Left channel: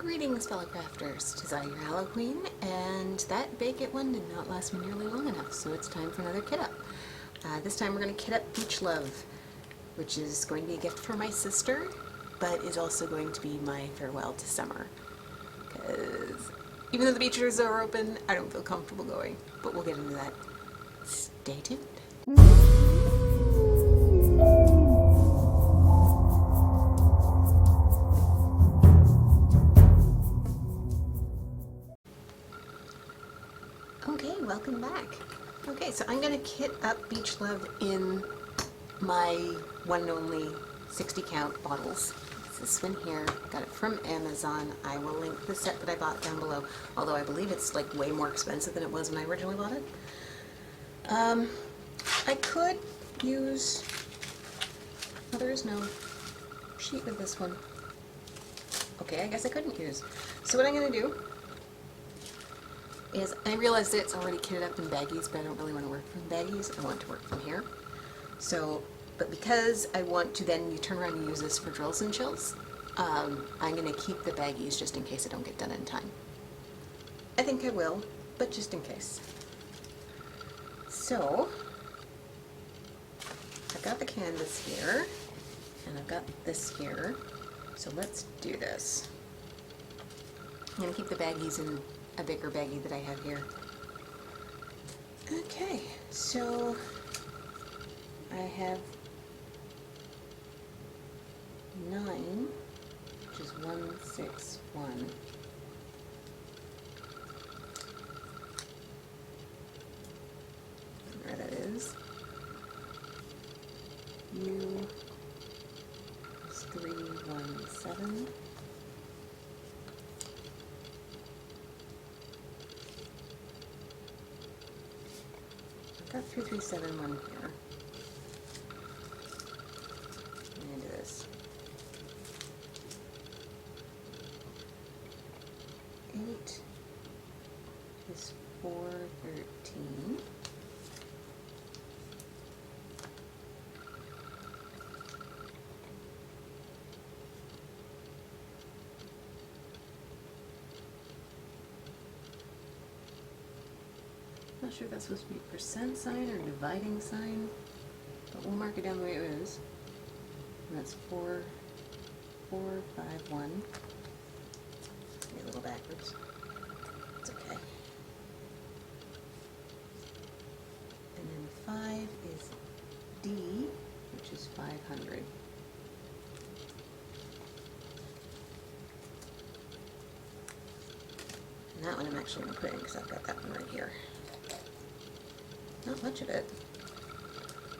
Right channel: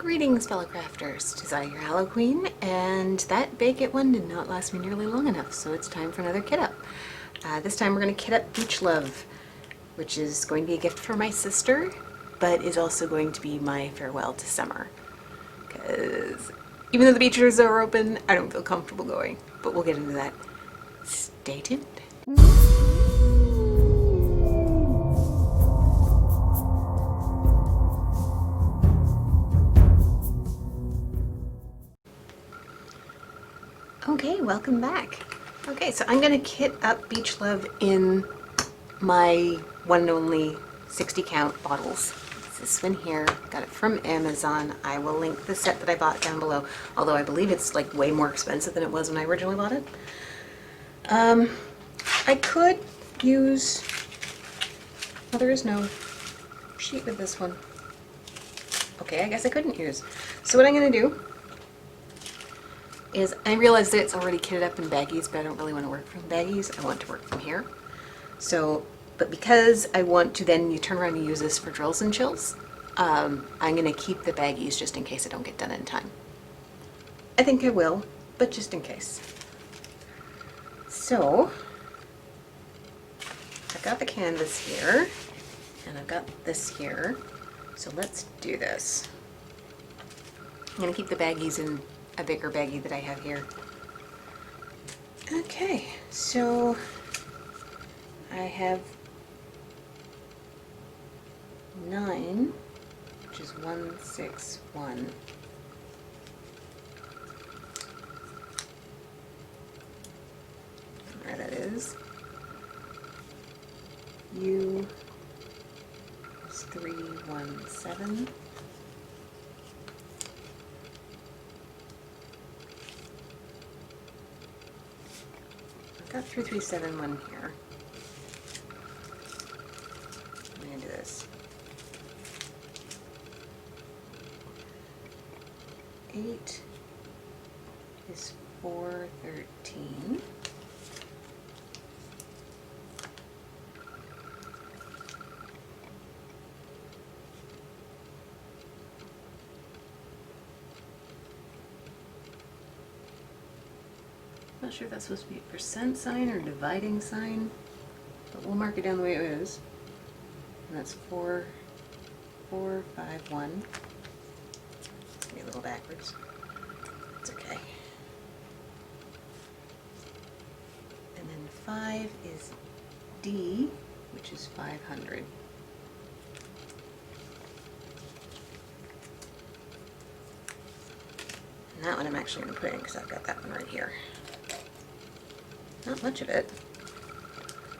Greetings, fellow crafters. 'Tis I, your Hallow Queen, and that Bake-It one did not last me nearly long enough, so it's time for another kit up. This time we're going to kit up Beach Love, which is going to be a gift for my sister, but is also going to be my farewell to summer. Because even though the beaches are open, I don't feel comfortable going, but we'll get into that. Stay tuned. Okay, welcome back. Okay, so I'm gonna kit up Beach Love in my one and only 60 count bottles. It's this one here, got it from Amazon. I will link the set that I bought down below, although I believe it's like way more expensive than it was when I originally bought it. I could use, well, there is no sheet with this one. Okay, I guess I couldn't use. So what I'm gonna do is, I realize that it's already kitted up in baggies, but I don't really want to work from baggies. I want to work from here. So, but because I want to then you turn around and use this for drills and chills, I'm going to keep the baggies just in case I don't get done in time. I think I will, but just in case. So, I've got the canvas here, and I've got this here. So let's do this. I'm going to keep the baggies in a bigger baggie that I have here. Okay, so I have 9, which is 161. There that is. U is 317. Got 3371 here. I'm going to do this. 8 is 413. Not sure if that's supposed to be a percent sign or dividing sign, but we'll mark it down the way it is. And that's 4451. Maybe a little backwards. It's okay. And then 5 is D, which is 500. And that one I'm actually going to put in because I've got that one right here. Not much of it.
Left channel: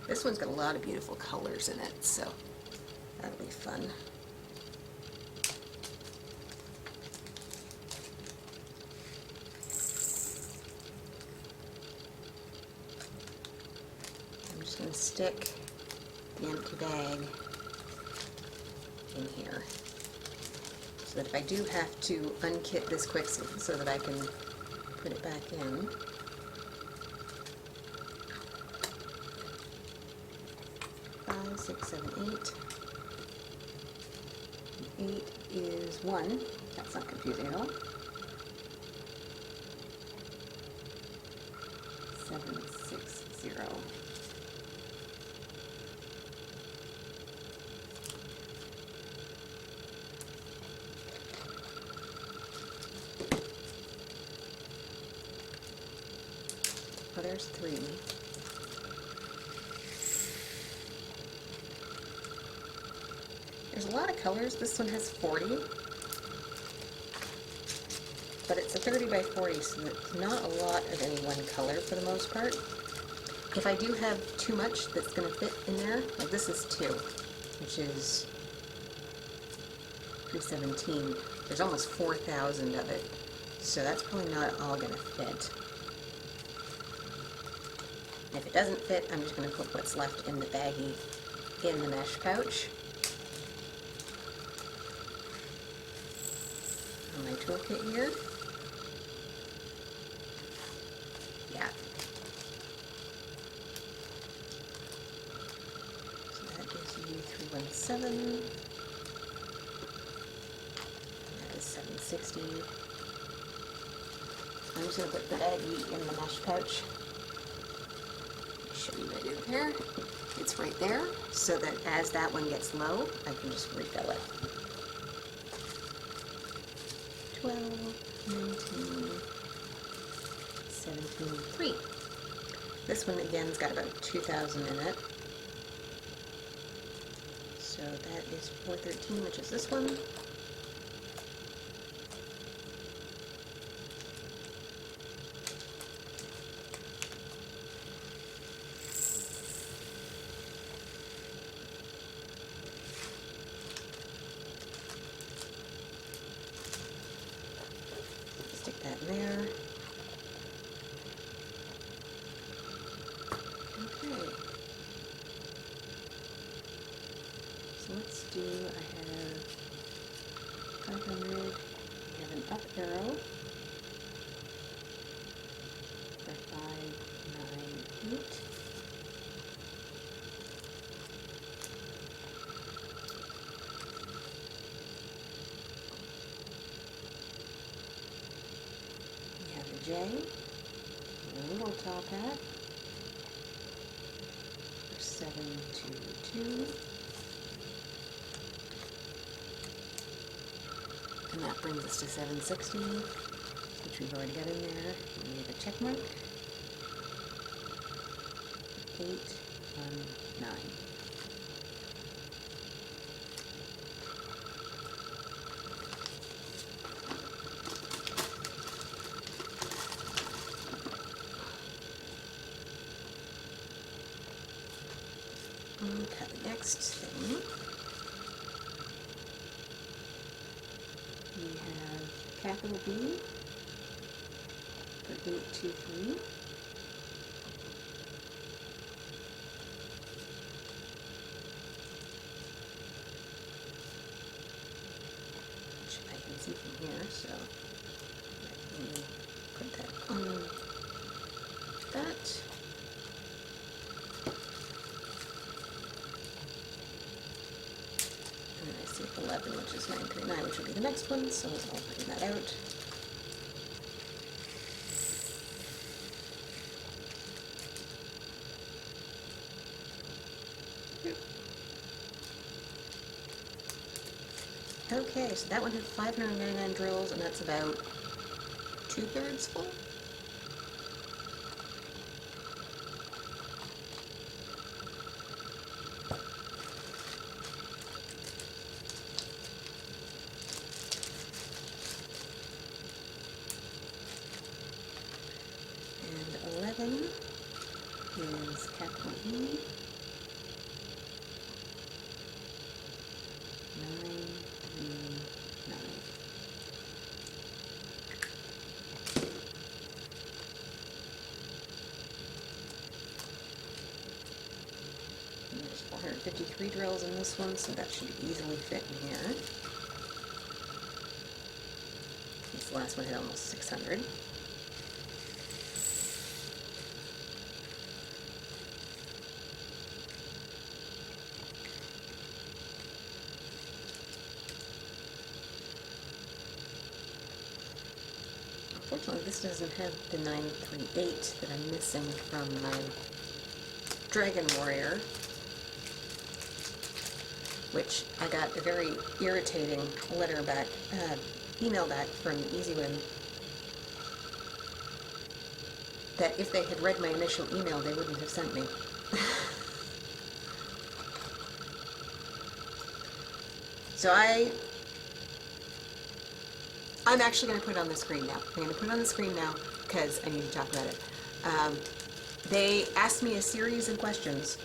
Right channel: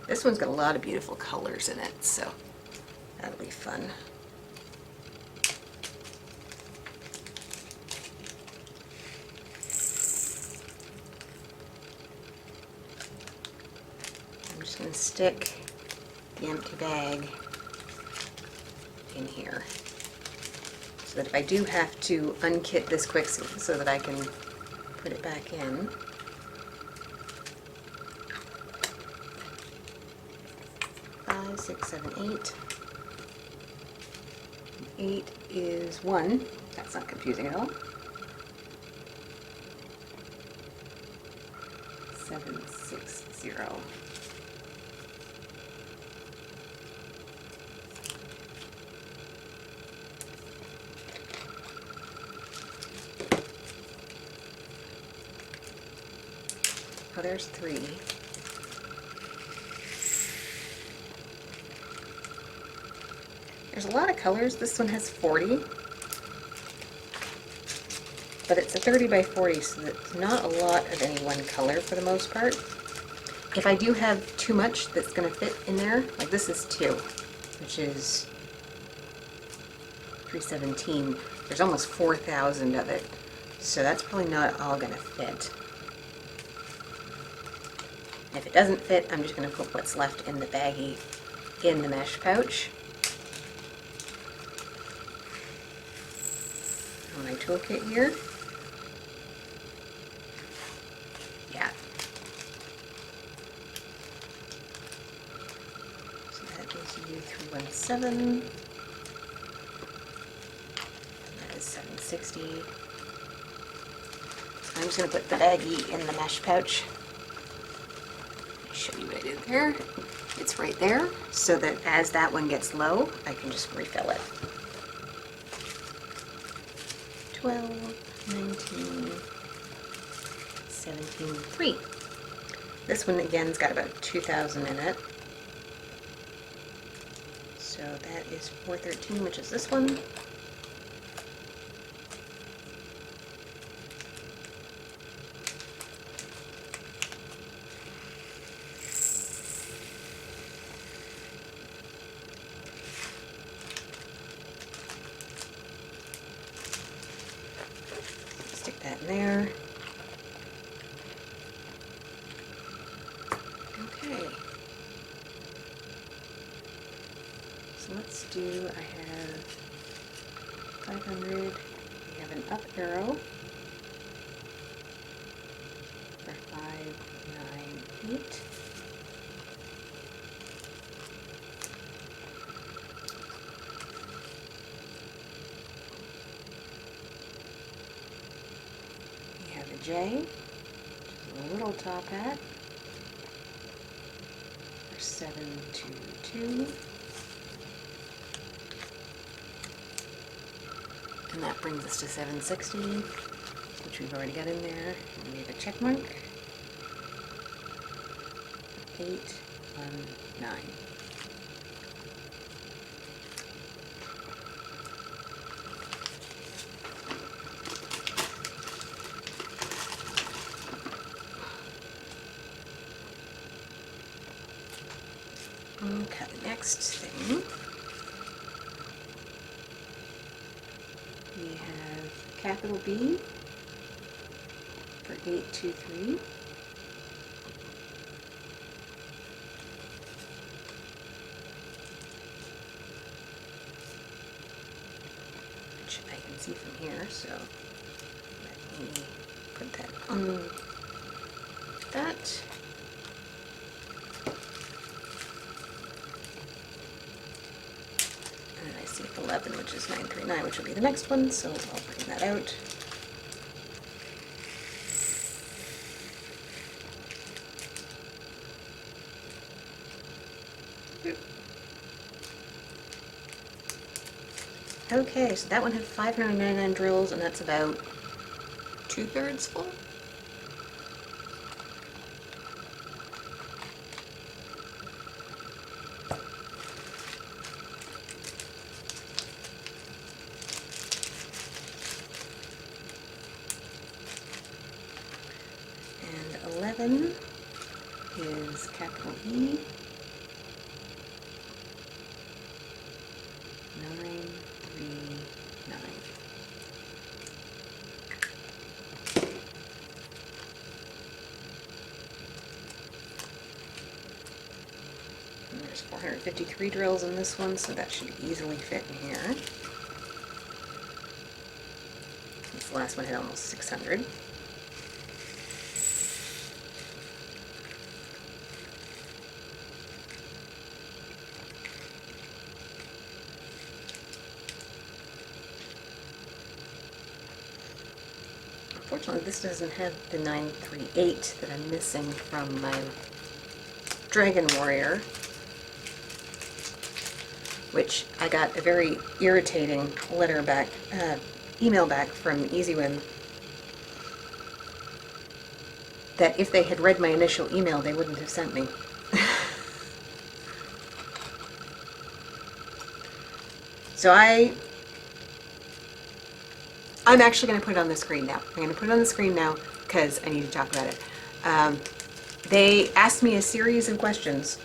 This one's got a lot of beautiful colors in it, so that'll be fun. I'm just going to stick the empty bag in here so that if I do have to unkit this quick so that I can put it back in. 5, 6, 7, 8. 8 is 1. That's not confusing at all. 7, 6, 0. Oh, there's 3. There's a lot of colors. This one has 40, but it's a 30 by 40, so that's not a lot of any one color for the most part. If I do have too much that's going to fit in there, like this is 2, which is 317. There's almost 4,000 of it, so that's probably not all going to fit. And if it doesn't fit, I'm just going to put what's left in the baggie in the mesh pouch. On my toolkit here. Yeah. So that is U317. And that is 760. I'm just going to put the baggie in the mesh pouch. I'll show you what I did there. It's right there, so that as that one gets low, I can just refill it. 12, 19, 17, 3. This one again's got about 2,000 in it. So that is 413, which is this one. Stick that in there. Okay. So let's do, I have 500. We have an up arrow for 5, 9, 8. We have a J, which is a little top hat, for 722. And that brings us to 760, which we've already got in there. And we have a check mark. 8, 1, 9. Okay, next thing. We have capital B for 823. Which I can see from here, so let me put that on that. And then I see 11, which is 939, which will be the next one, so I'll bring that out. Okay, so that one had 599 drills, and that's about 2/3 full. And 11 is capital E. 939. And there's 453 drills in this one, so that should easily fit in here. This last one had almost 600. Unfortunately, this doesn't have the 938 that I'm missing from my Dragon Warrior, which I got a very irritating letter back, email back from EasyWim that if they had read my initial email, they wouldn't have sent me. So I'm actually going to put it on the screen now. I'm going to put it on the screen now because I need to talk about it. They asked me a series of questions,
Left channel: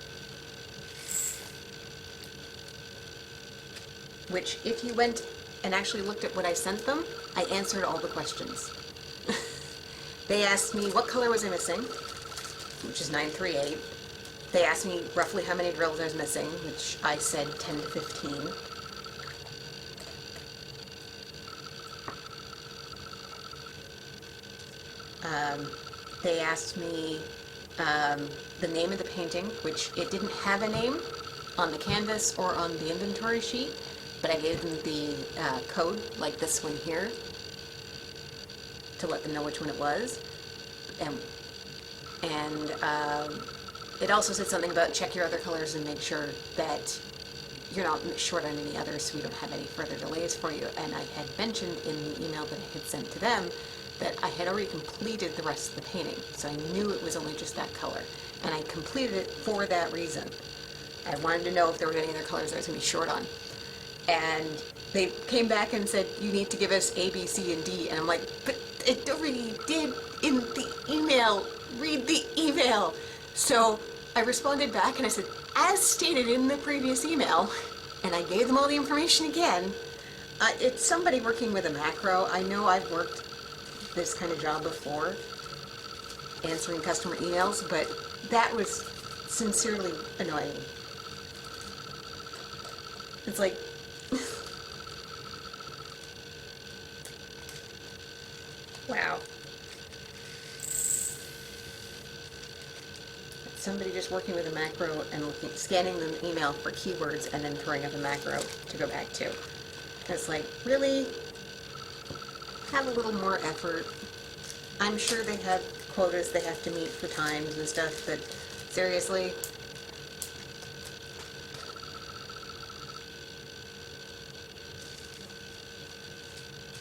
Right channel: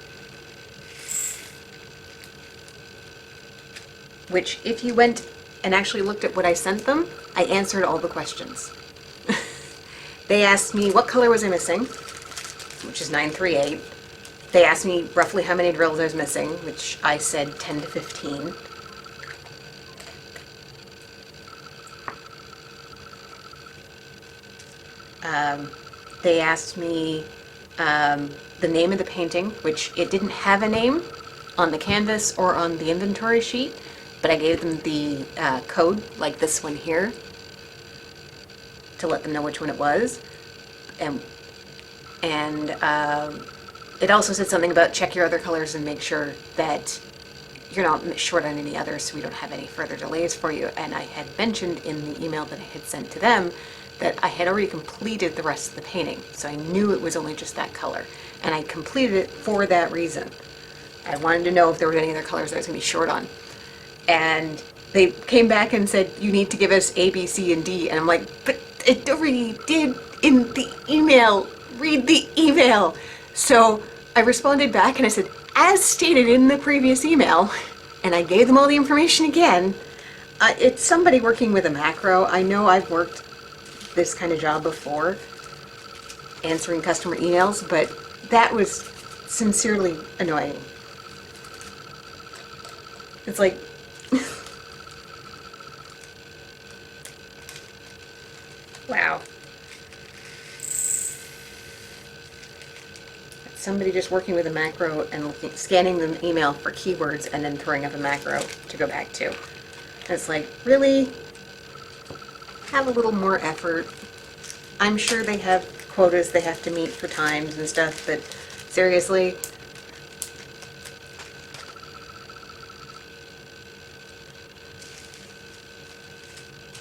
which if you went and actually looked at what I sent them, I answered all the questions. They asked me what color was I missing, which is 938. They asked me roughly how many drills I was missing, which I said 10 to 15. They asked me the name of the painting, which it didn't have a name on the canvas or on the inventory sheet, but I gave them the code, like this one here, to let them know which one it was. And it also said something about check your other colors and make sure that you're not short on any others, so we don't have any further delays for you. And I had mentioned in the email that I had sent to them that I had already completed the rest of the painting, so I knew it was only just that color. And I completed it for that reason. I wanted to know if there were any other colors I was going to be short on. And they came back and said, you need to give us A, B, C, and D. And I'm like, but it already did in the email. Read the email. So I responded back and I said, as stated in the previous email, and I gave them all the information again. It's somebody working with a macro. I know I've worked this kind of job before, answering customer emails, but that was sincerely annoying. It's like, wow. Somebody just working with a macro and scanning the email for keywords and then throwing up a macro to go back to. And it's like, really? Have a little more effort. I'm sure they have quotas they have to meet for times and stuff, but seriously?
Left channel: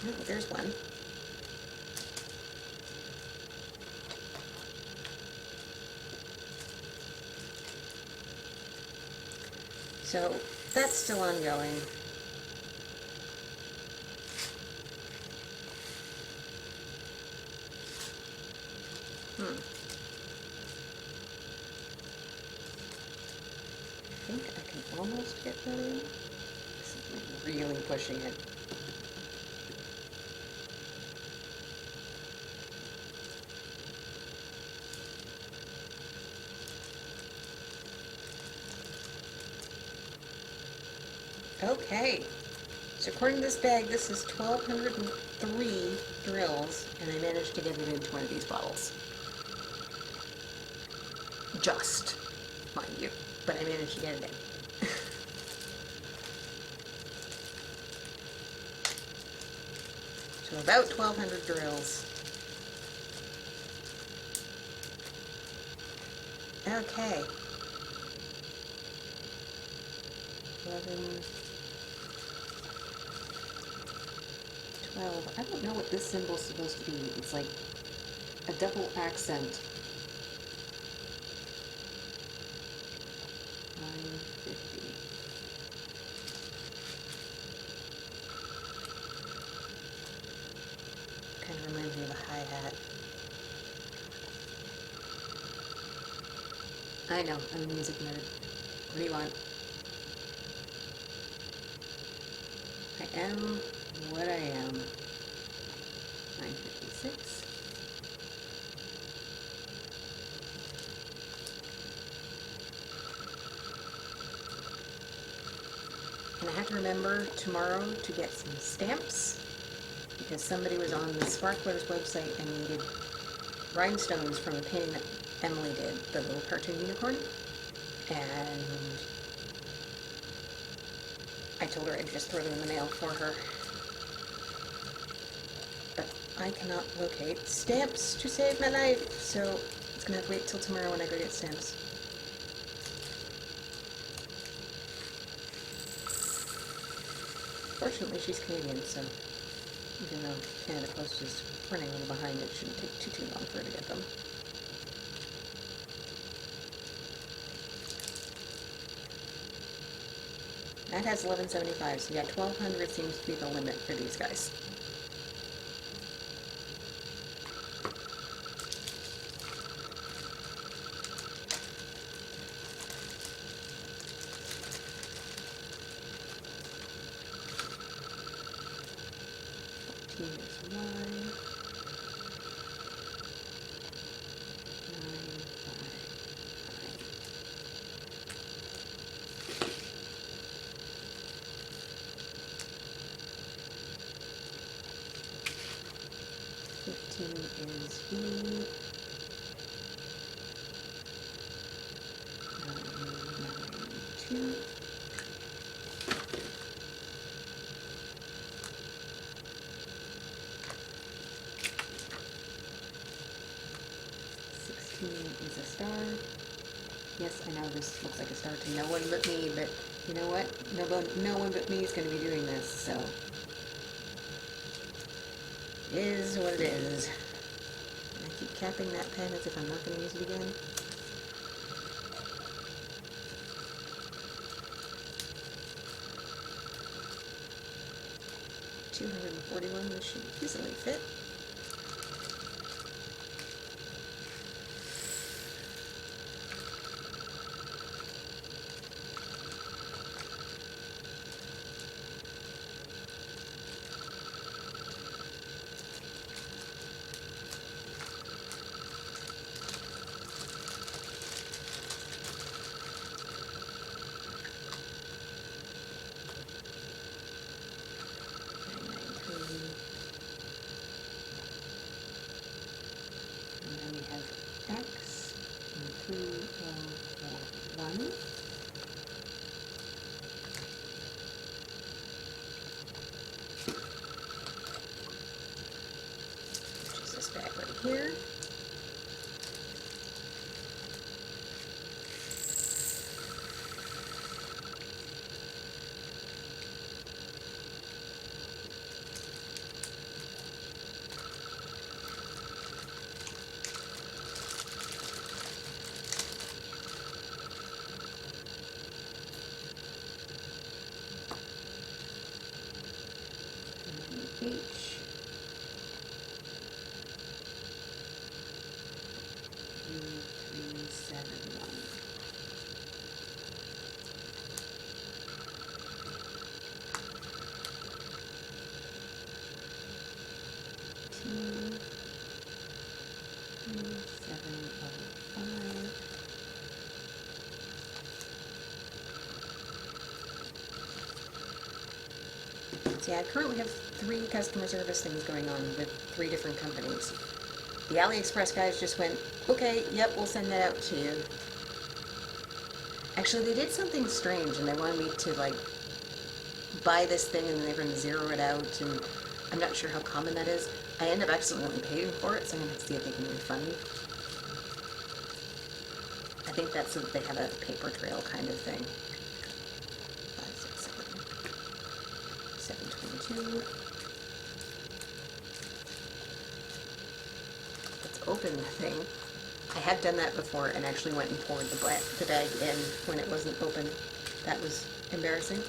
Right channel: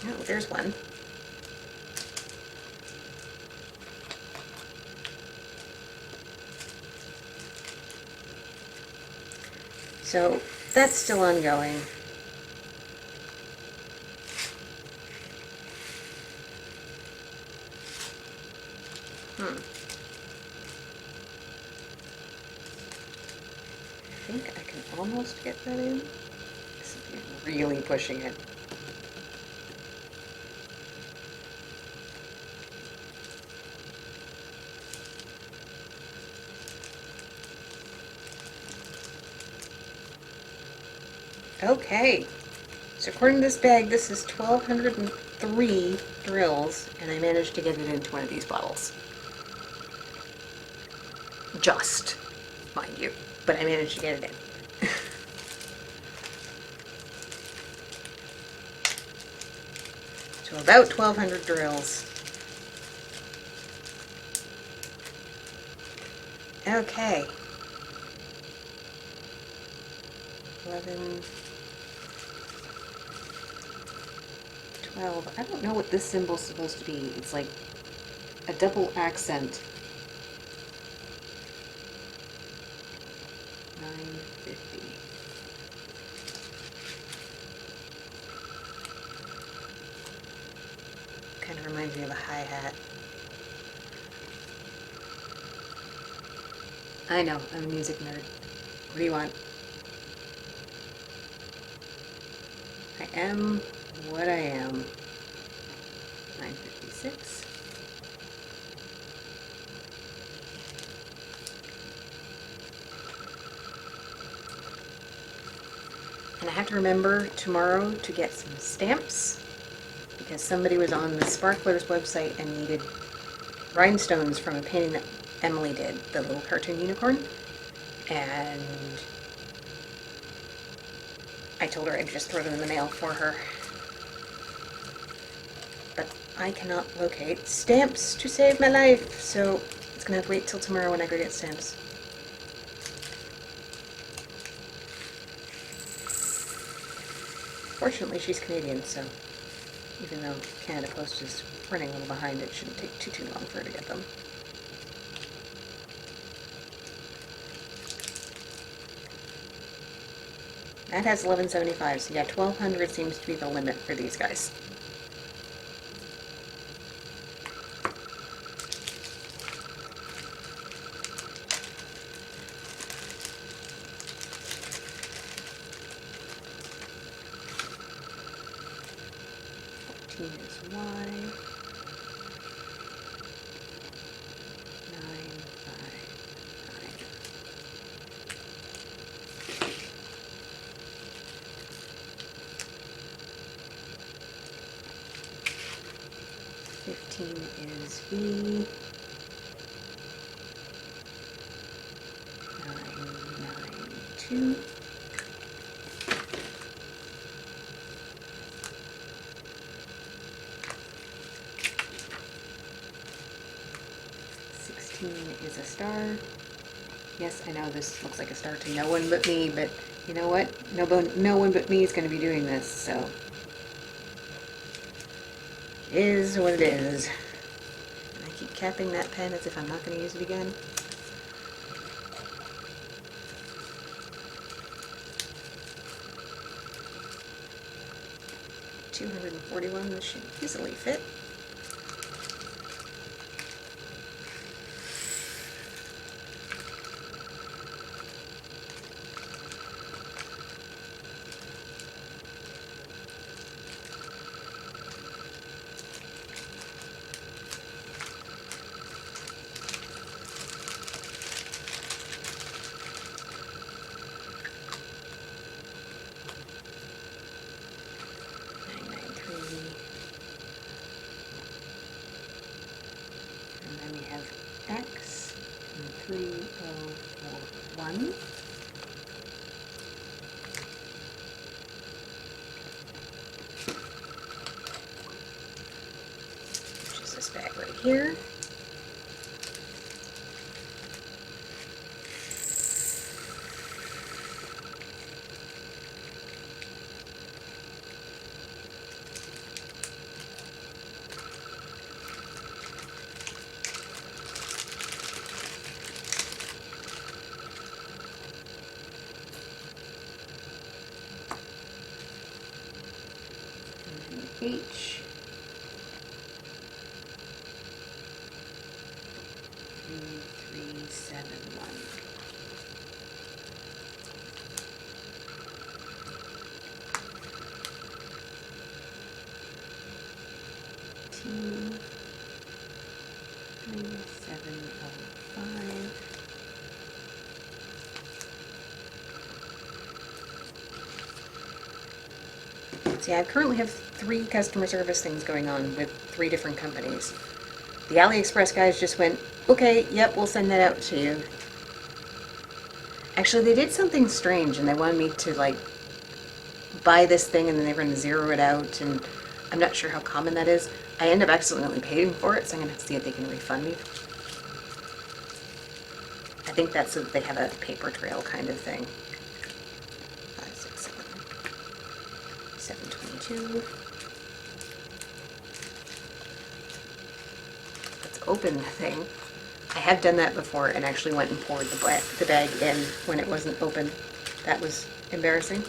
No, there's one. So that's still ongoing. I think I can almost get that in. This is really pushing it. Okay, so according to this bag, this is 1,203 drills, and I managed to get it into one of these bottles. Just, mind you, but I managed to get it in. So about 1,200 drills. Okay. 11, 12. I don't know what this symbol's supposed to be. It's like a double accent. 950. Kind of reminds me of a hi-hat. I know, I'm a music nerd. What do you want? I am what I am. 956. And I have to remember tomorrow to get some stamps because somebody was on the Sparklers website and needed rhinestones from a painting that Emily did, the little cartoon unicorn. And I told her I'd just throw them in the mail for her. But I cannot locate stamps to save my life, so it's gonna have to wait till tomorrow when I go get stamps. Fortunately, she's Canadian, so even though Canada Post is running a little behind, it shouldn't take too long for her to get them. That has 1175, so yeah, 1,200 seems to be the limit for these guys. Is Y. 959. 15 is V. 992. 19 is a star. Yes, I know this looks like a star to no one but me, but you know what? No one but me is going to be doing this, so it is what it is. And I keep capping that pen as if I'm not going to use it again. $241, this should easily fit. And then we have X and 3041. Which is this bag right here. H 3371. T 3705. See, I currently have 3 customer service things going on with 3 different companies. The AliExpress guys just went, okay, yep, we'll send that out to you. Actually, they did something strange and they wanted me to like buy this thing and then they were going to zero it out, and I'm not sure how common that is. I end up accidentally paying for it, so I'm going to have to see if they can refund me. I think that's so that they have a paper trail kind of thing. 5, 6, 7. 722. Let's open the thing. I have done that before and actually went and poured the bag in when it wasn't open. That was embarrassing.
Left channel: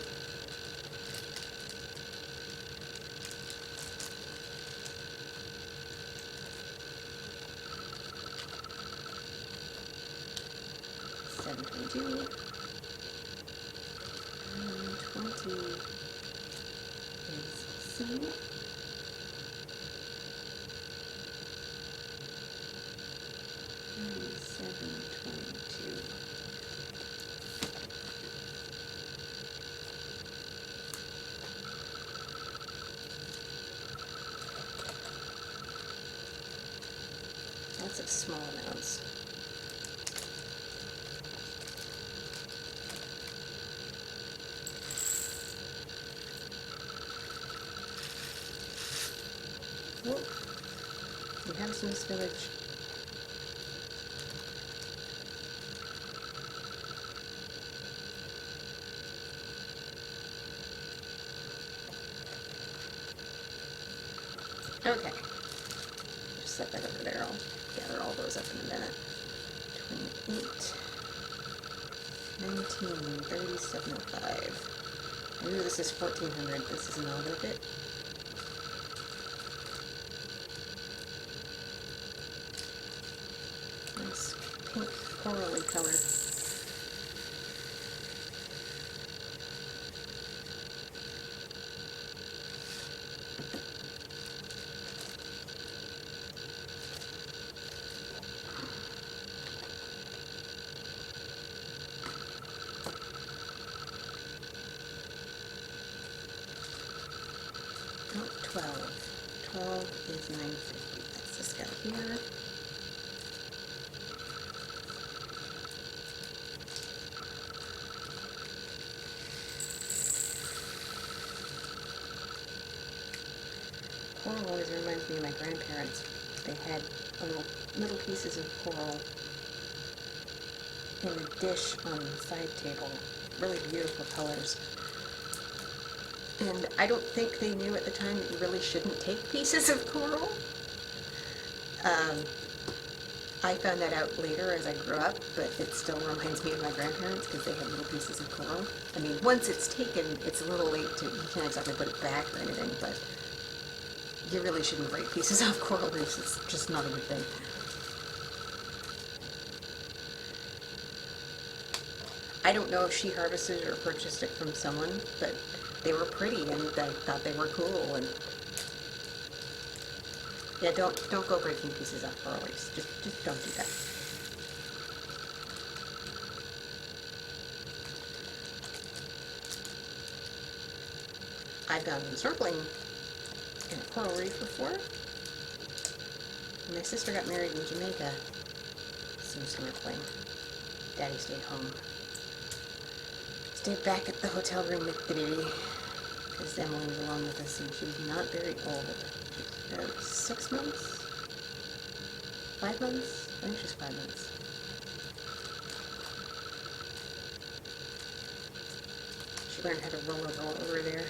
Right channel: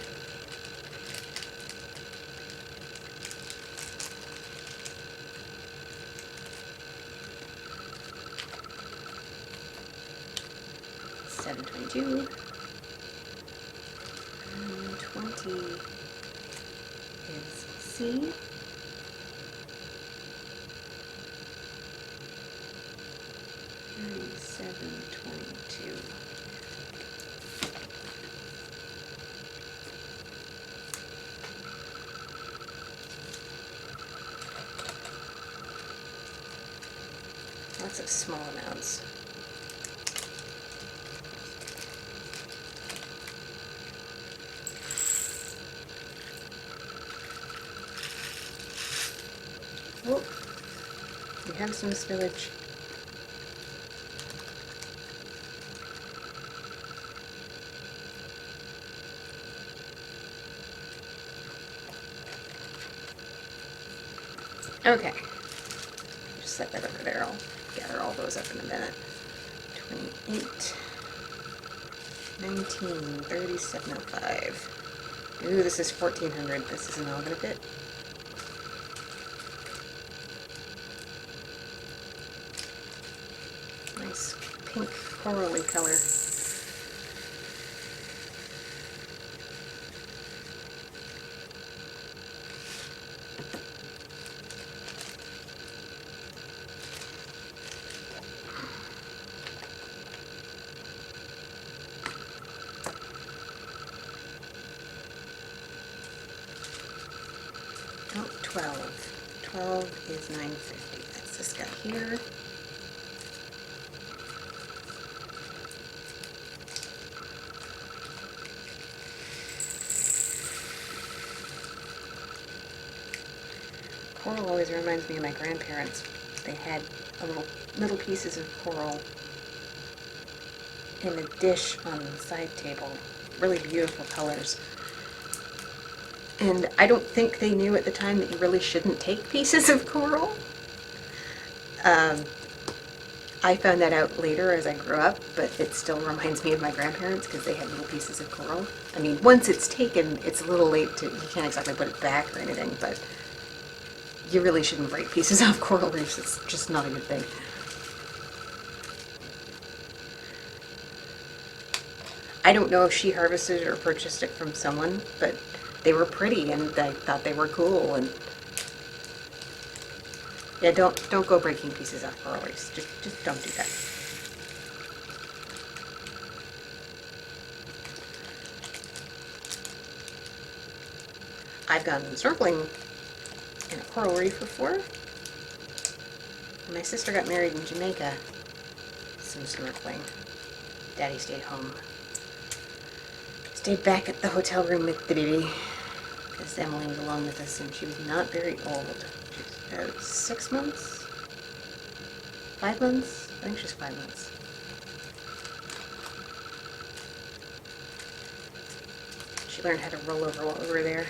$7.22. And 20 is C. $37.22. Lots of small amounts. Oh, we have some spillage. Okay, just set that over there. I'll gather all those up in a minute. 28, 19, 3705. Ooh, this is 1400. This isn't all gonna fit. Nice pink corally color. Oh, 12. 12 is 950. That's this guy here. Coral always reminds me of my grandparents. They had little pieces of coral in a dish on the side table. Really beautiful colors. And I don't think they knew at the time that you really shouldn't take pieces of coral. I found that out later as I grew up, but it still reminds me of my grandparents because they had little pieces of coral. I mean, once it's taken, it's a little late to, you can't exactly put it back or anything, but you really shouldn't break pieces off coral reefs. It's just not a good thing. I don't know if she harvested it or purchased it from someone, but they were pretty and I thought they were cool. And yeah, don't go breaking pieces off coral reefs. Just don't do that. I've gone snorkeling in a coral reef before. When my sister got married in Jamaica, some snorkeling. Daddy stayed home. Stayed back at the hotel room with the baby because Emily was along with us and she was not very old. She was about 6 months? 5 months? I think she's 5 months. She learned how to roll over while we were there.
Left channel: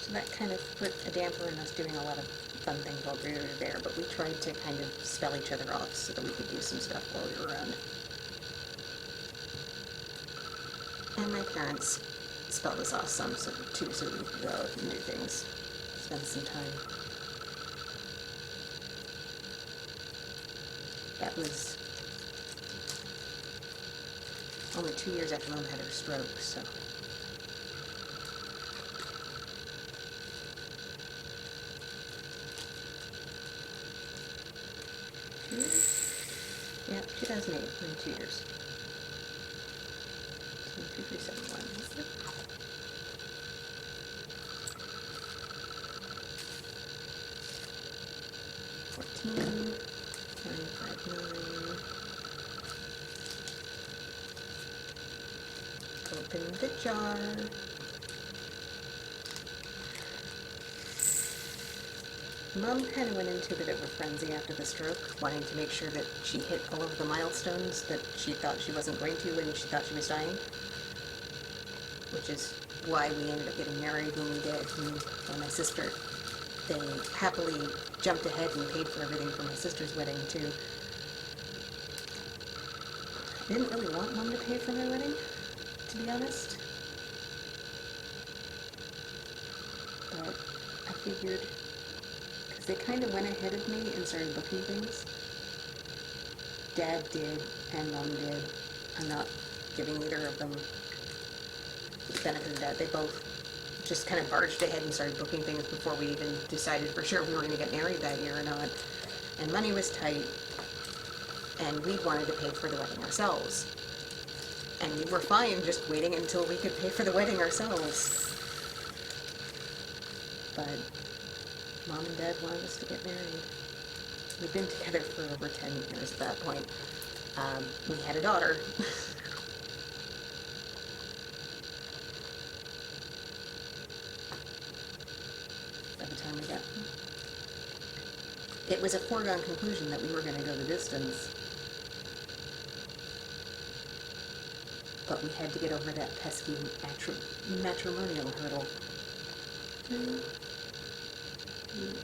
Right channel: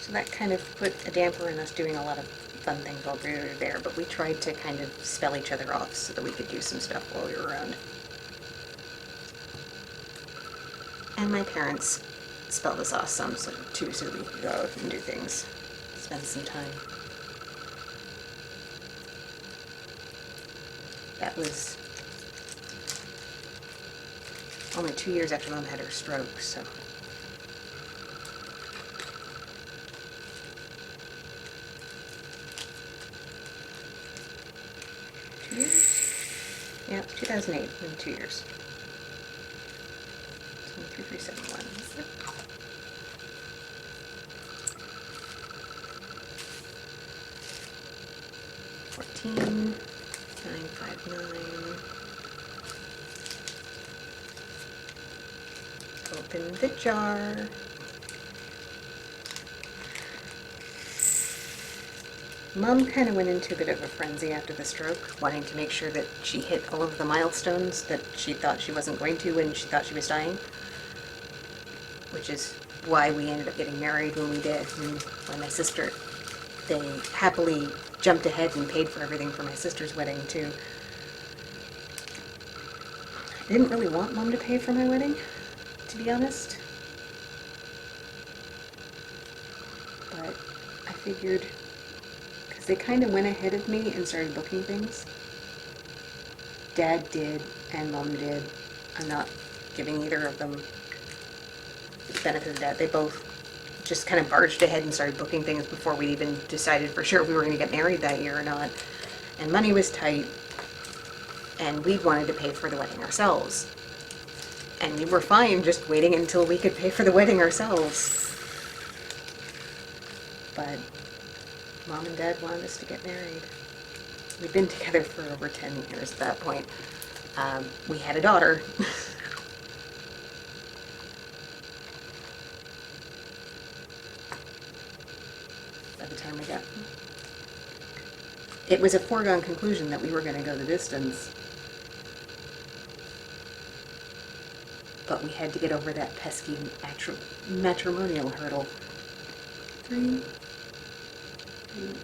So that kind of put a damper in us doing a lot of fun things while we were there, but we tried to kind of spell each other off so that we could do some stuff while we were around. And my parents spelled us off some too, so that we could go out and do things, spend some time. That was only 2 years after Mom had her stroke, so. Yeah, 2008, in 2 years. 3371. Yep. $14,959. Open the jar. Mom kind of went into a bit of a frenzy after the stroke, wanting to make sure that she hit all of the milestones that she thought she wasn't going to when she thought she was dying, which is why we ended up getting married when we did, and why my sister, they happily jumped ahead and paid for everything for my sister's wedding too. I didn't really want Mom to pay for my wedding, to be honest, but I figured, they kind of went ahead of me and started booking things. Dad did and Mom did. I'm not giving either of them the benefit of that. They both just kind of barged ahead and started booking things before we even decided for sure we were going to get married that year or not. And money was tight, and we'd wanted to pay for the wedding ourselves. And we were fine just waiting until we could pay for the wedding ourselves. But Mom and Dad wanted us to get married. We'd been together for over 10 years at that point. We had a daughter. By the time we got... It was a foregone conclusion that we were going to go the distance. But we had to get over that pesky matrimonial hurdle. 3, 8, 11,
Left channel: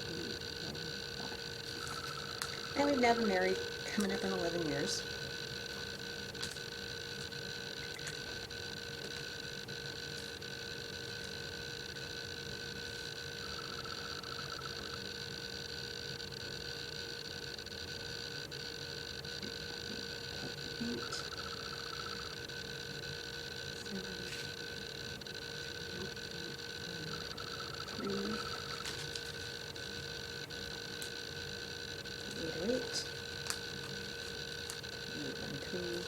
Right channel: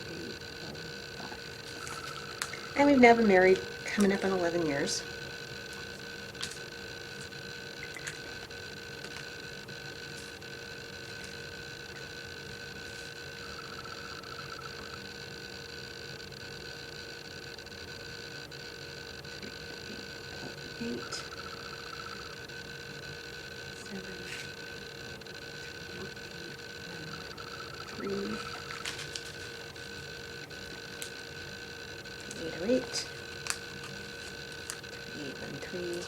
5. And we've now been married coming up on 11 years. Eight, 7, 3, 1, 3. 808, 3813.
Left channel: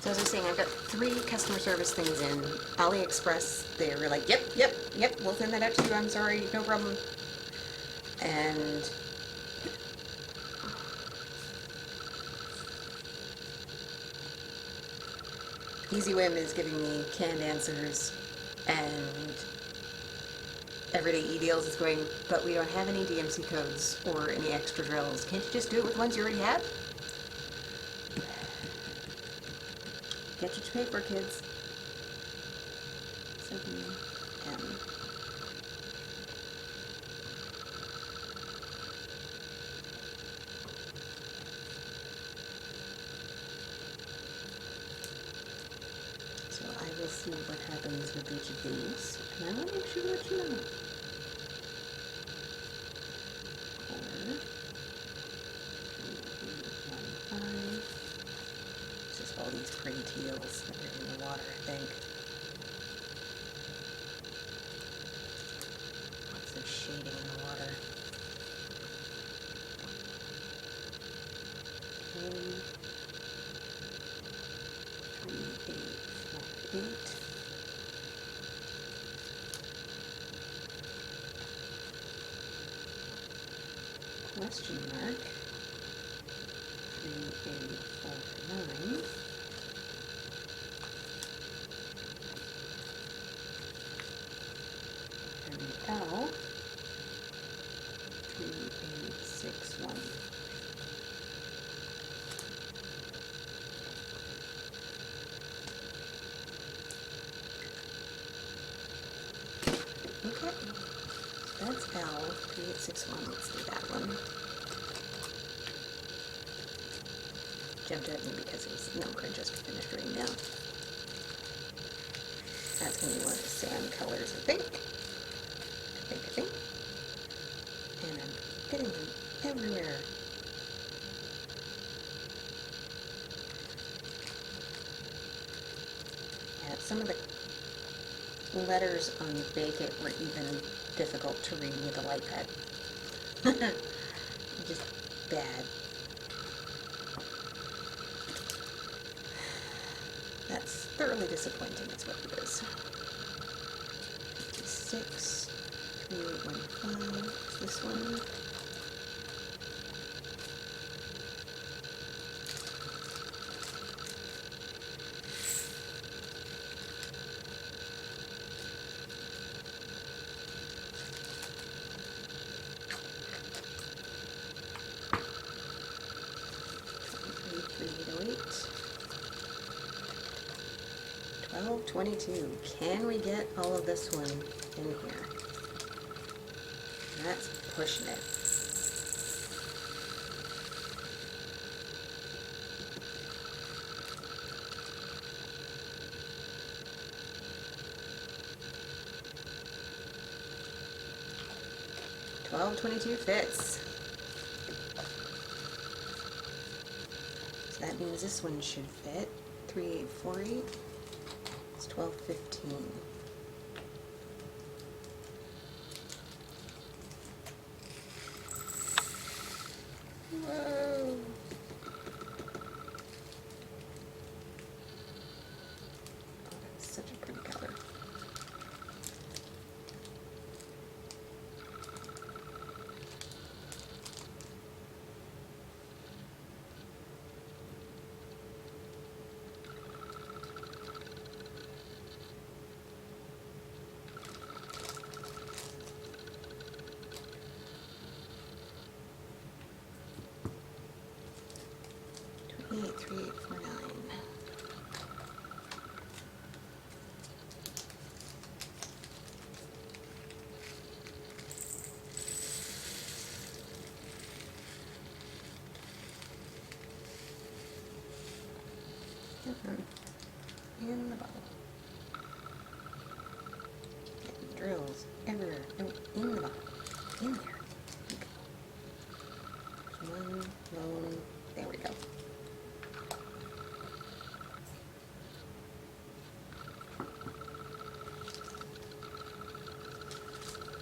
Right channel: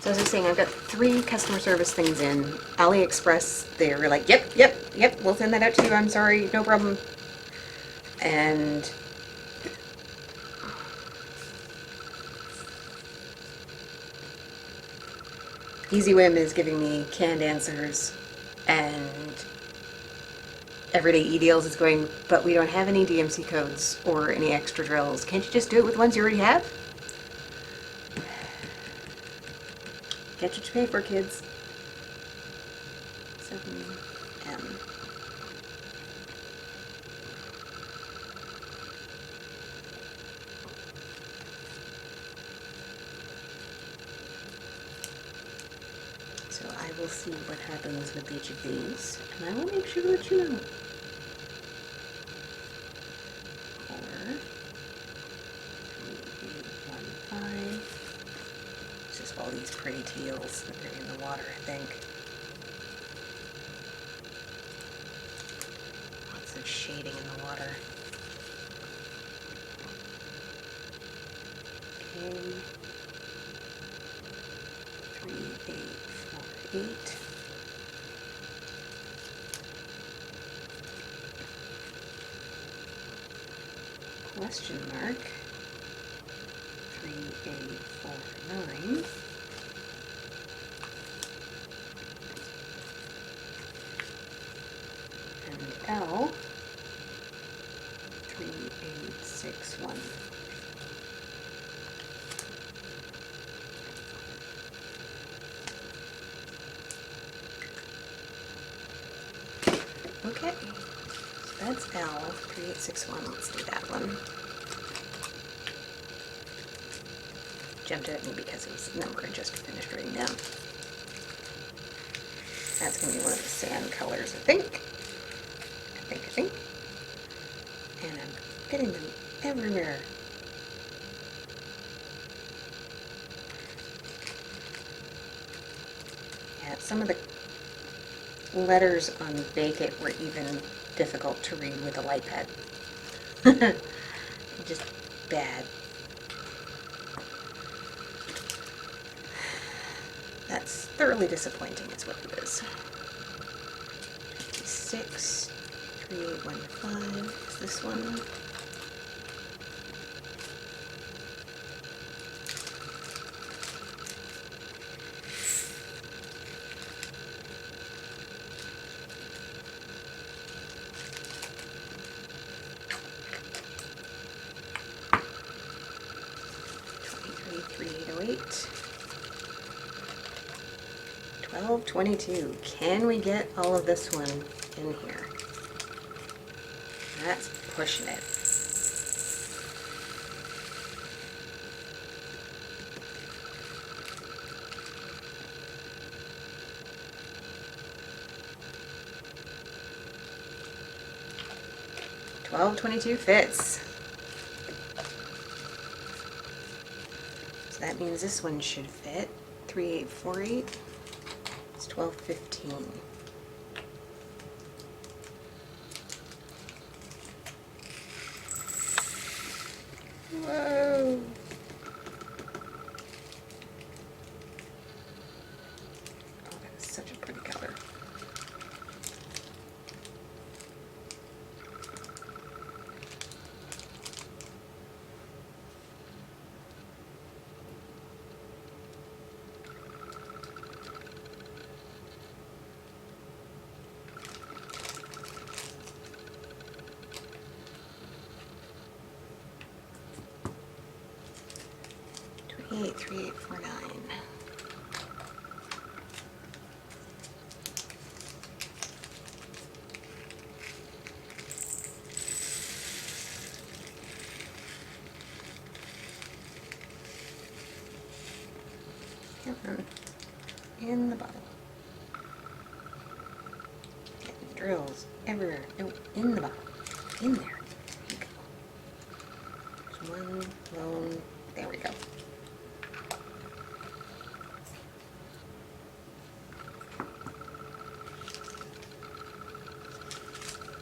So as I was saying, I've got 3 customer service things in. AliExpress, they were like, yep, we'll send that out to you. I'm sorry, no problem. And EasyWim is giving me canned answers, and Everyday E-Deals is going, but we don't have any DMC codes or any extra drills. Can't you just do it with ones you already have? Get what you pay for, kids. 7M. So I will see what happens with each of these, and I will make sure to let you know. 4, 3, 8, 1, 5. It's just all these pretty teals that are in the water, I think. Lots of shading in the water. Okay. 3, 8, 4, 8. Question mark. 3, 8, 4, 9. And L. 3, 8, 6, 1. Okay, so that's L, 3861. Let's do that one. Jumped at me because it was the number I just finished writing down. That's going to be one of the sand colors, I think. I think. And I'm getting them everywhere. Yeah, some of the letters on Bake It were even difficult to read with a light pad. Just bad. That's thoroughly disappointing is what it is. 26, 3815 is this one. $23,308. 1222. Can we get all of this one in here? That's pushing it. $1222 fits. So that means this one should fit. 3848. It's 1215. Whoa. Oh, that is such a pretty color. $28,349. Come on. In the bottle. Getting drills everywhere. No, in the bottle. In there. There you go. There's one lone. There we go.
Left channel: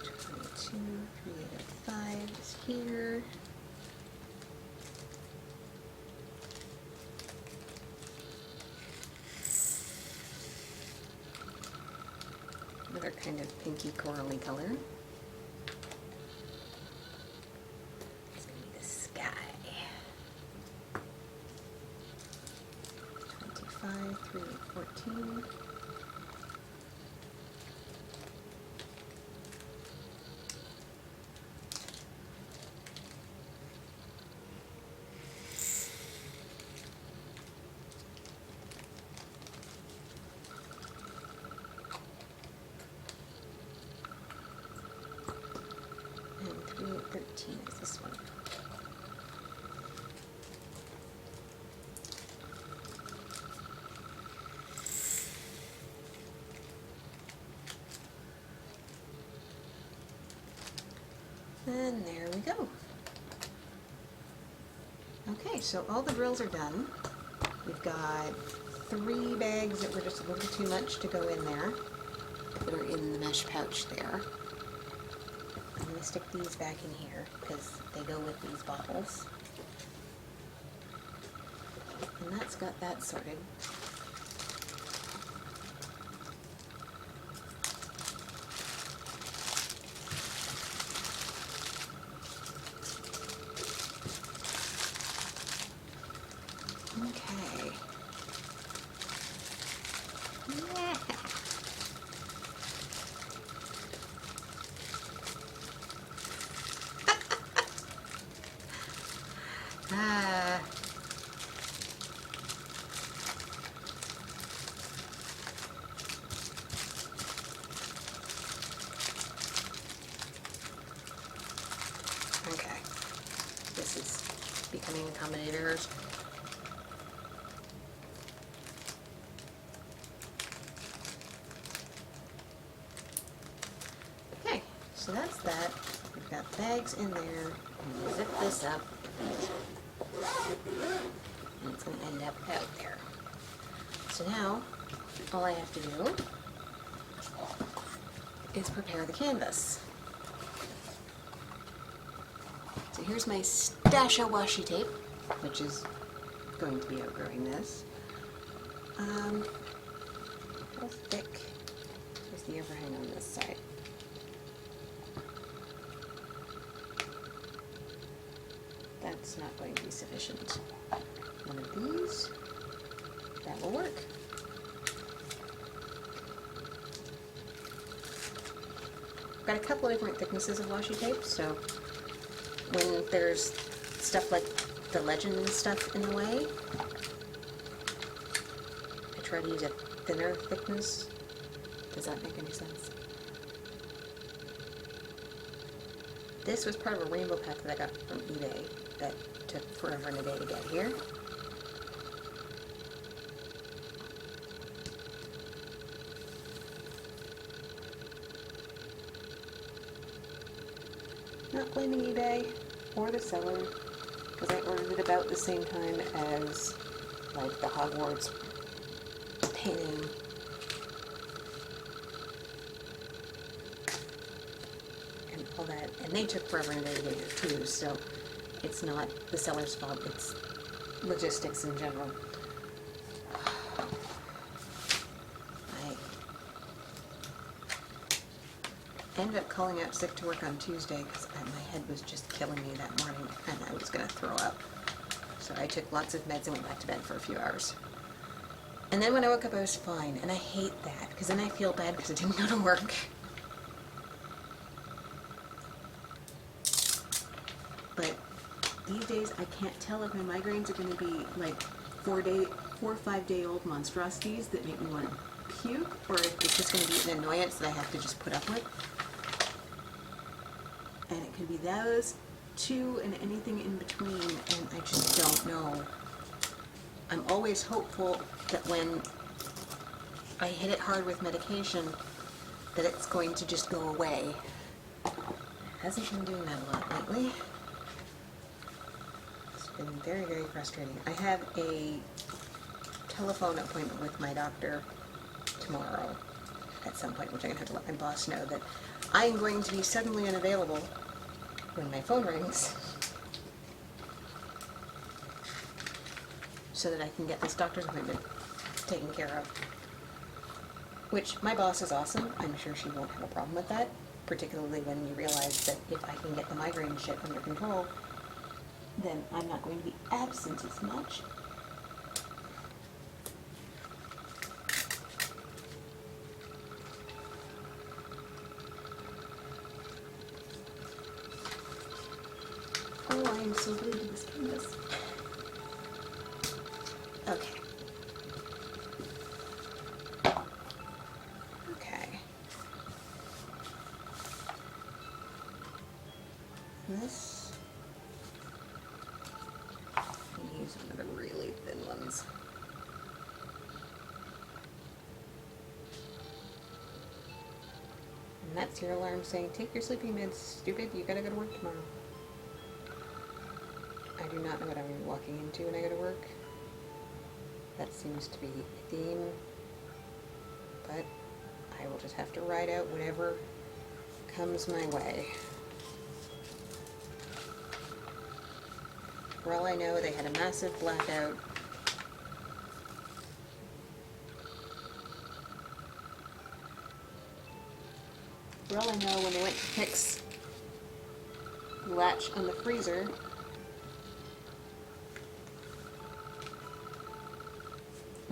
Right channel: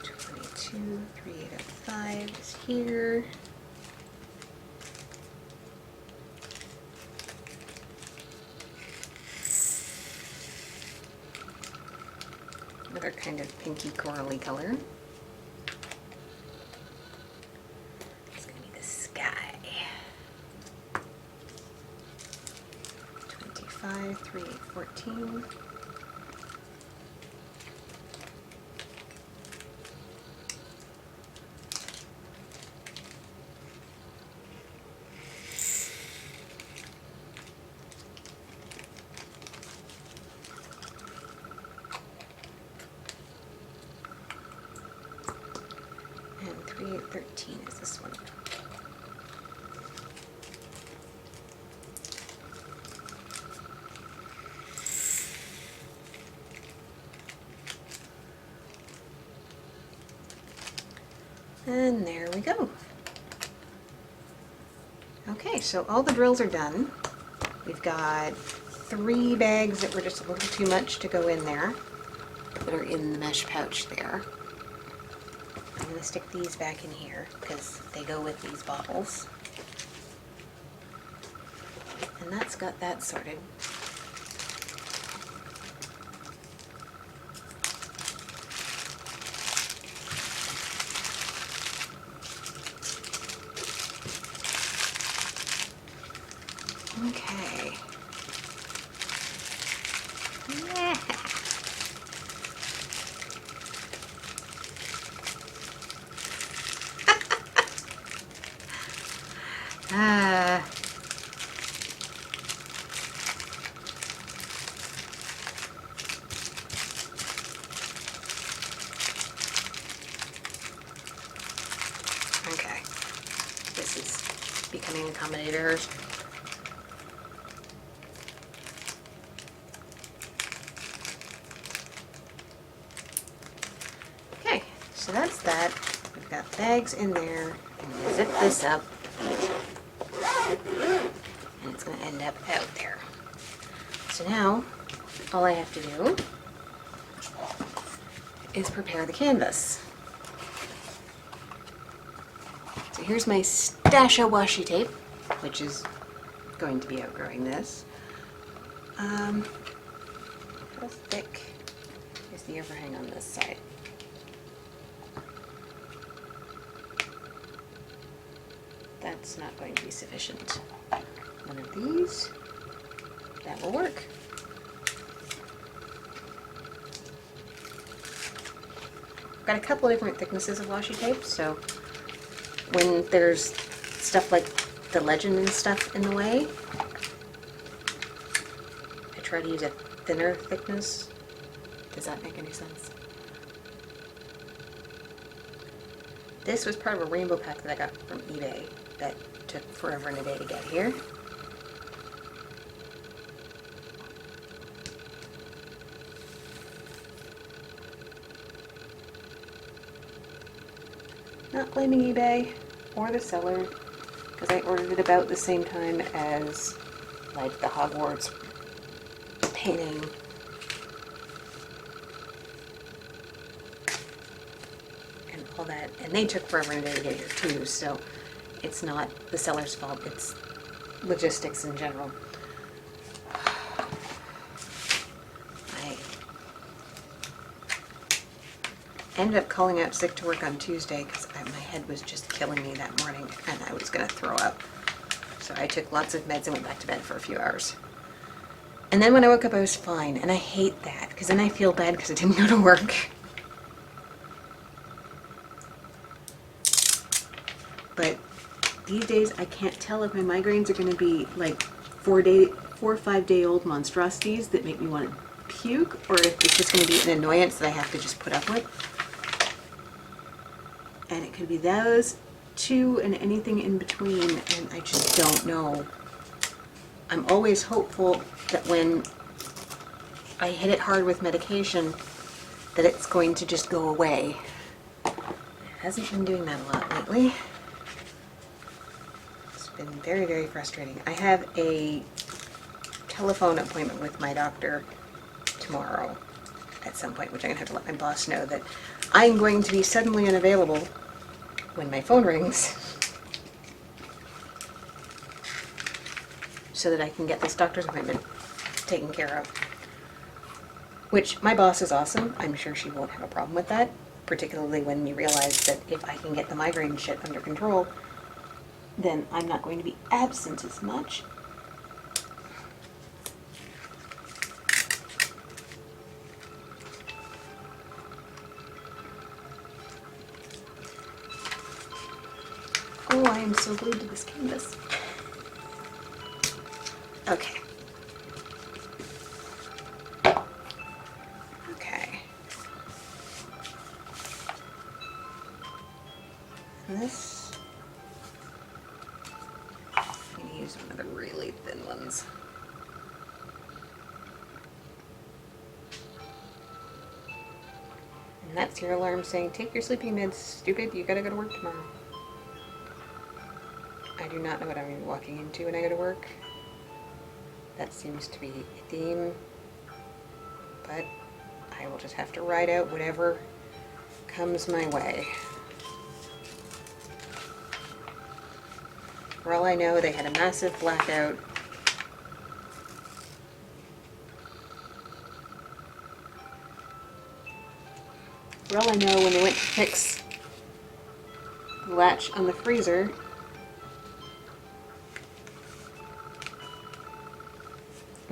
$22,305 is here. Another kind of pinky corally color. It's going to be the sky. 25,314. 13 is this one. And there we go. Okay, so all the drills are done. We've got 3 bags that were just a little too much to go in there, that are in the mesh pouch there. I'm going to stick these back in here because they go with these bottles. And that's got that sorted. Okay. Yeah. Ah. Okay. This is becoming accommodators. Okay, so that's that. We've got bags in there. I'm going to zip this up. And it's going to end up out there. So now, all I have to do is prepare the canvas. So here's my stash of washi tape, which is going to be outgrowing this. How thick is the overhang on this side? That's not going to be sufficient. One of these, that will work. Got a couple of different thicknesses of washi tape, so when there's stuff like the legend and stuff in the way, I try to use a thinner thickness. Does that make any sense? This was part of a rainbow pack that I got from eBay that took forever and a day to get here. Not blaming eBay or the seller, because I ordered it about the same time as like the Hogwarts painting. And all that, and they took forever and a day to get here too, so it's not the seller's fault, it's logistics in general. I ended up calling out sick to work on Tuesday because my head was just killing me that morning and I was going to throw up. So I took lots of meds and went back to bed for a few hours. And then when I woke up I was fine, and I hate that because then I feel bad because I didn't go to work. But these days I can't tell if my migraines are going to be like 4 or 5 day old monstrosities that make me want to puke, or if it's just going to be an annoyance that I have to just put up with. And it could be those two and anything in between, and I just don't know. I'm always hopeful that when I hit it hard with medication that it's going to just go away. It hasn't been doing that a lot lately. It's been very, very frustrating. I have a telephone appointment with my doctor tomorrow at some point, which I'm going to have to let my boss know that I'm going to be suddenly unavailable when my phone rings so that I can get this doctor's appointment taken care of. Which, my boss is awesome. I'm sure she won't have a problem with that, particularly when you realize that if I can get the migraine shit under control, then I'm not going to be absent as much. Oh, I am so glued to this canvas. Okay. Okay. And this. I'm going to use one of the really thin ones. And that's your alarm saying, take your sleeping meds, stupid, you gotta go to work tomorrow. I do not know what I'm going to be walking into when I go to work. That seems to be a theme, but I will just have to ride out whatever comes my way. For all I know, they had a massive blackout. For all I know, when they went to fix the latch on the freezer,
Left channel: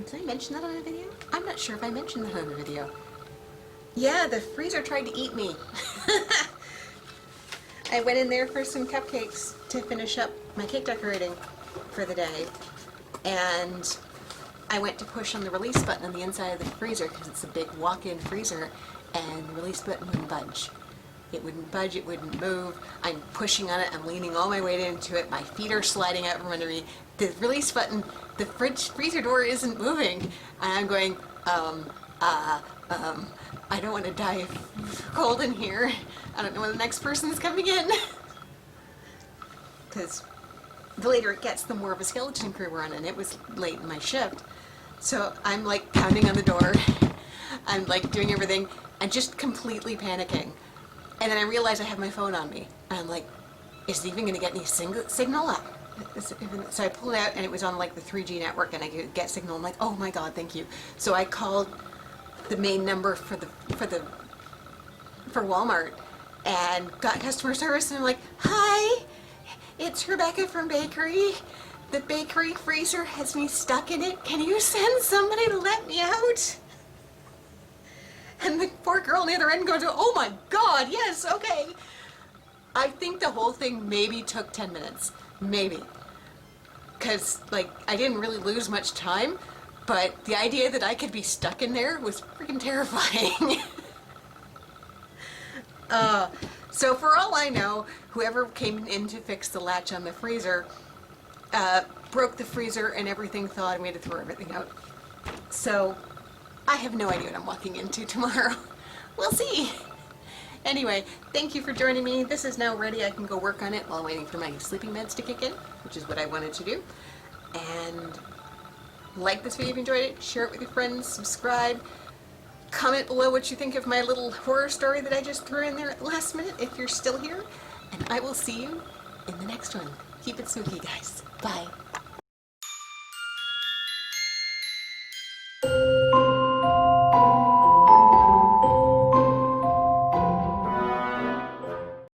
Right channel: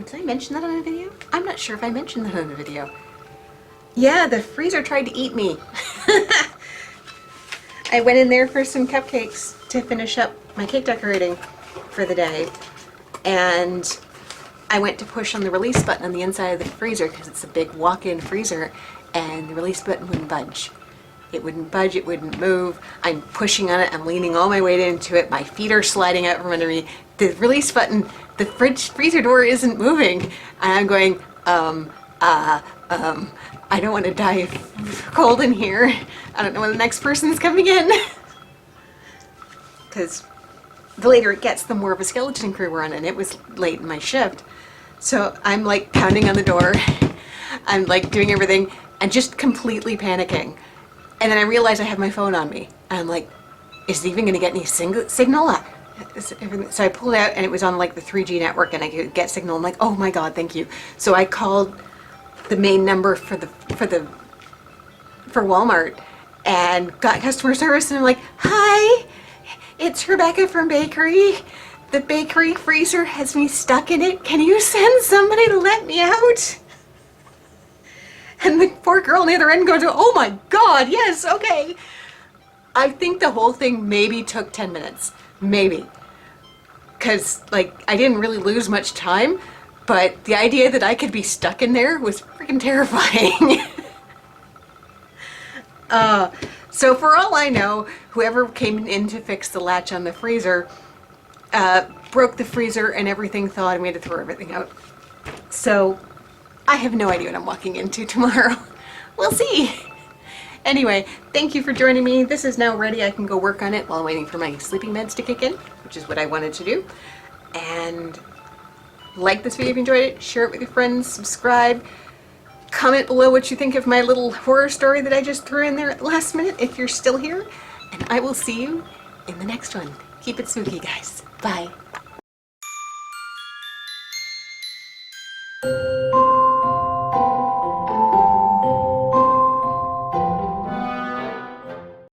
did I mention that on a video? I'm not sure if I mentioned that on a video. Yeah, the freezer tried to eat me. I went in there for some cupcakes to finish up my cake decorating for the day, and I went to push on the release button on the inside of the freezer because it's a big walk-in freezer, and the release button wouldn't budge. It wouldn't budge, it wouldn't move. I'm pushing on it, I'm leaning all my weight into it, my feet are sliding out from under me. The release button, the freezer door isn't moving. And I'm going, I don't want to die of cold in here. I don't know when the next person's coming in. Because the later it gets, the more of a skeleton crew we're on, and it was late in my shift. So I'm like pounding on the door. I'm like doing everything and just completely panicking. And then I realize I have my phone on me. And I'm like, is it even going to get any signal? So I pulled it out and it was on like the 3G network and I could get signal. I'm like, oh my God, thank you. So I called the main number for Walmart and got customer service, and I'm like, hi, it's Rebecca from bakery. The bakery freezer has me stuck in it. Can you send somebody to let me out? And the poor girl on the other end goes, oh my God, yes, okay. I think the whole thing maybe took 10 minutes, maybe. Because, like, I didn't really lose much time, but the idea that I could be stuck in there was freaking terrifying. So for all I know, whoever came in to fix the latch on the freezer broke the freezer and everything thawed and we had to throw everything out. So I have no idea what I'm walking into tomorrow. We'll see. Anyway, thank you for joining me. This is now ready. I can go work on it while I'm waiting for my sleeping meds to kick in, which is what I wanted to do. And like this video if you enjoyed it, share it with your friends, subscribe, comment below what you think of my little horror story that I just threw in there at the last minute if you're still here. And I will see you in the next one. Keep it spooky, guys. Bye.